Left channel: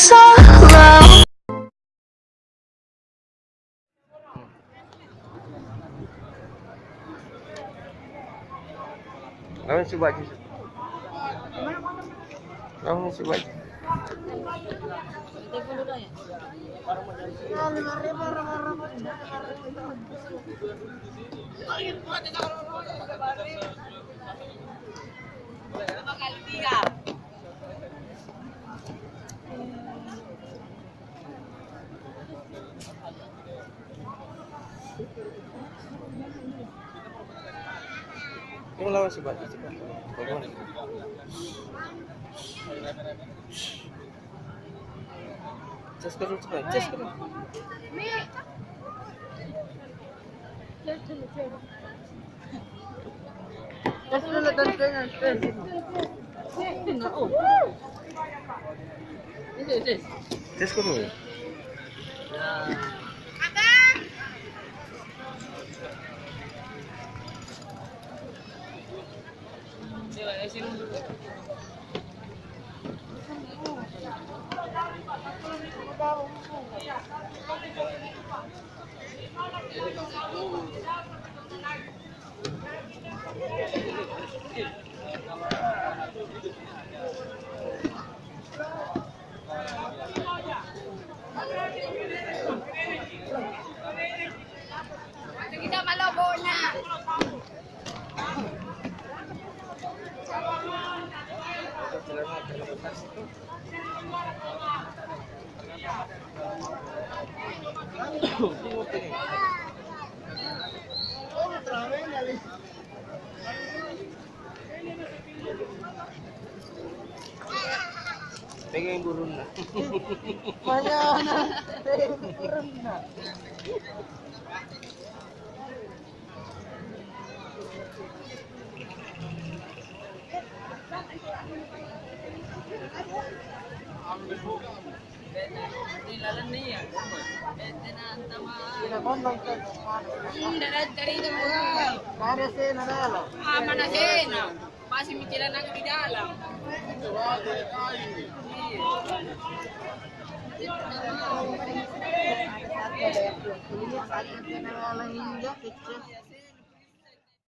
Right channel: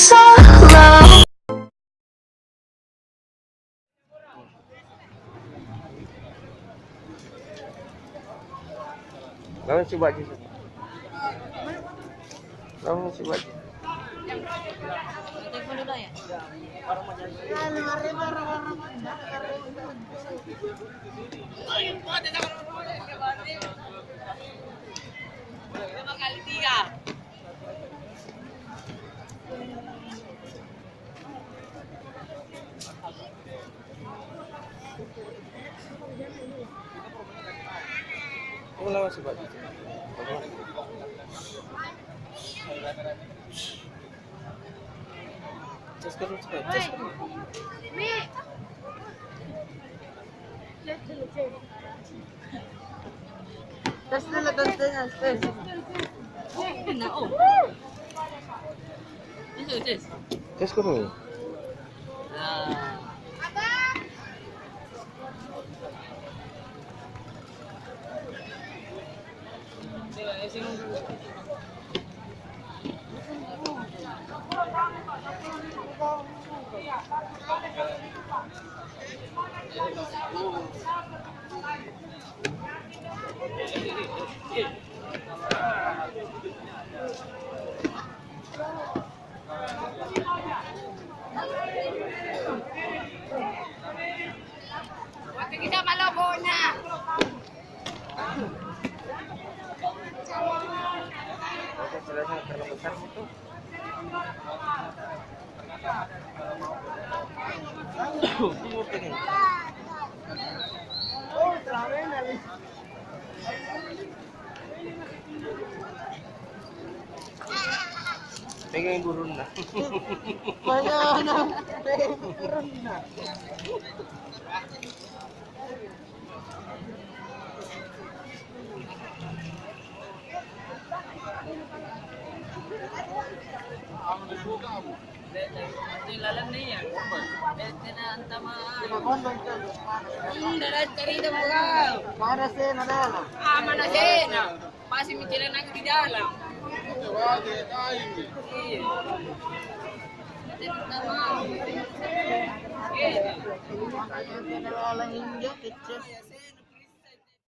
so low. Lawan coba aja. Lawan coba aja. Telepon dulu ya. Lawan coba aja. Cus karo coba. Cus karo. Terus dulu tentunya. Nah, oh. This. Cus karo. Kita malobonya. Pengen burun na. Banyak na. Turun na. Lalan niya. Bete na ang tamaan. Dalat ka rito mo ka. Manasin na dala. Manasin na. Masih mikiran ako di dalam. Ini